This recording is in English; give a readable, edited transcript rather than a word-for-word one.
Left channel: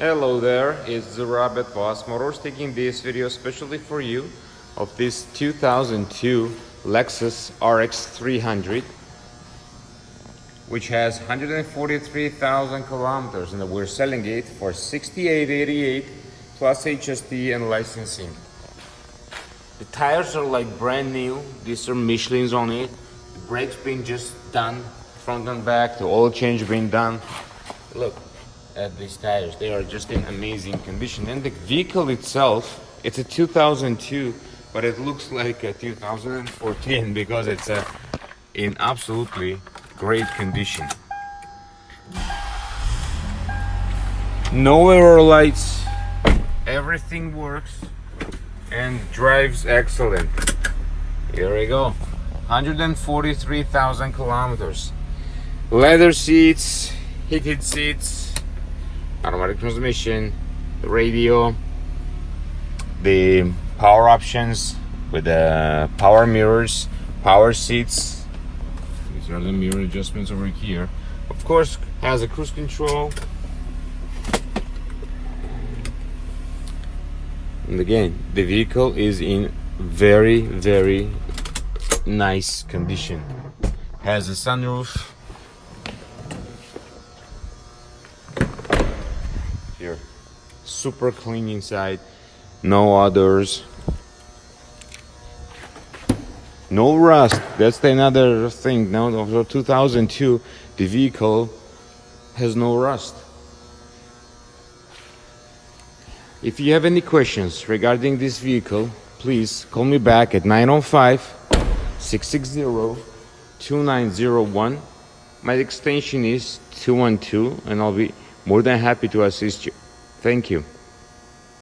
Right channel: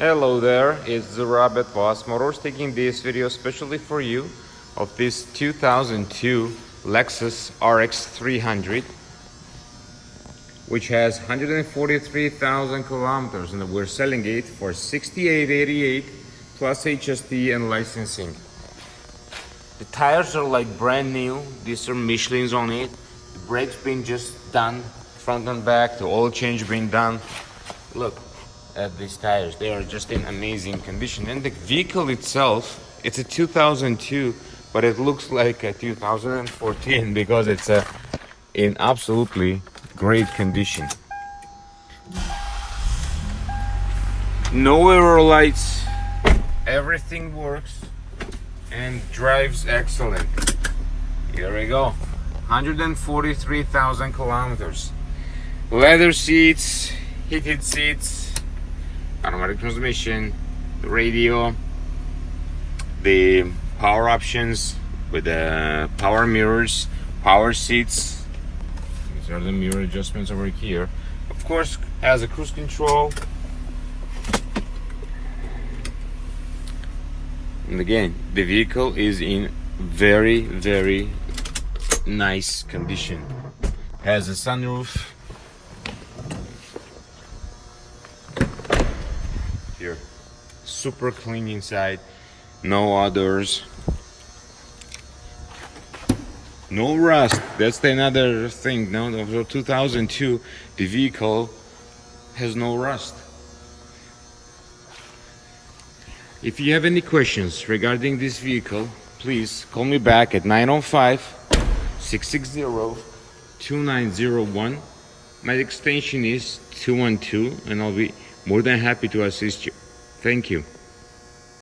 Hello there, it's Robert Boss Motors taking this video especially for you of this 2002 Lexus RX300, which has 143,000 kilometers, and we're selling it for $68.88 plus HST and licensing. The tires are like brand new. These are Michelin's on it. The brakes being just done, front and back. The oil change being done. Look at these tires, they are just in amazing condition. And the vehicle itself, it's a 2002, but it looks like a 2014 because it's in absolutely great condition. No error lights, everything works and drives excellent. Here we go, 143,000 kilometers. Leather seats, heated seats, automatic transmission, the radio, the power options with the power mirrors, power seats. These are the mirror adjustments over here. Of course, has a cruise control. And again, the vehicle is in very, very nice condition. Has a sunroof. Here, super clean inside, no odors, no rust. That's another thing. Now, of the 2002, the vehicle has no rust. If you have any questions regarding this vehicle, please call me back at 905-660-2901. My extension is 212, and I'll be more than happy to assist you. Thank you.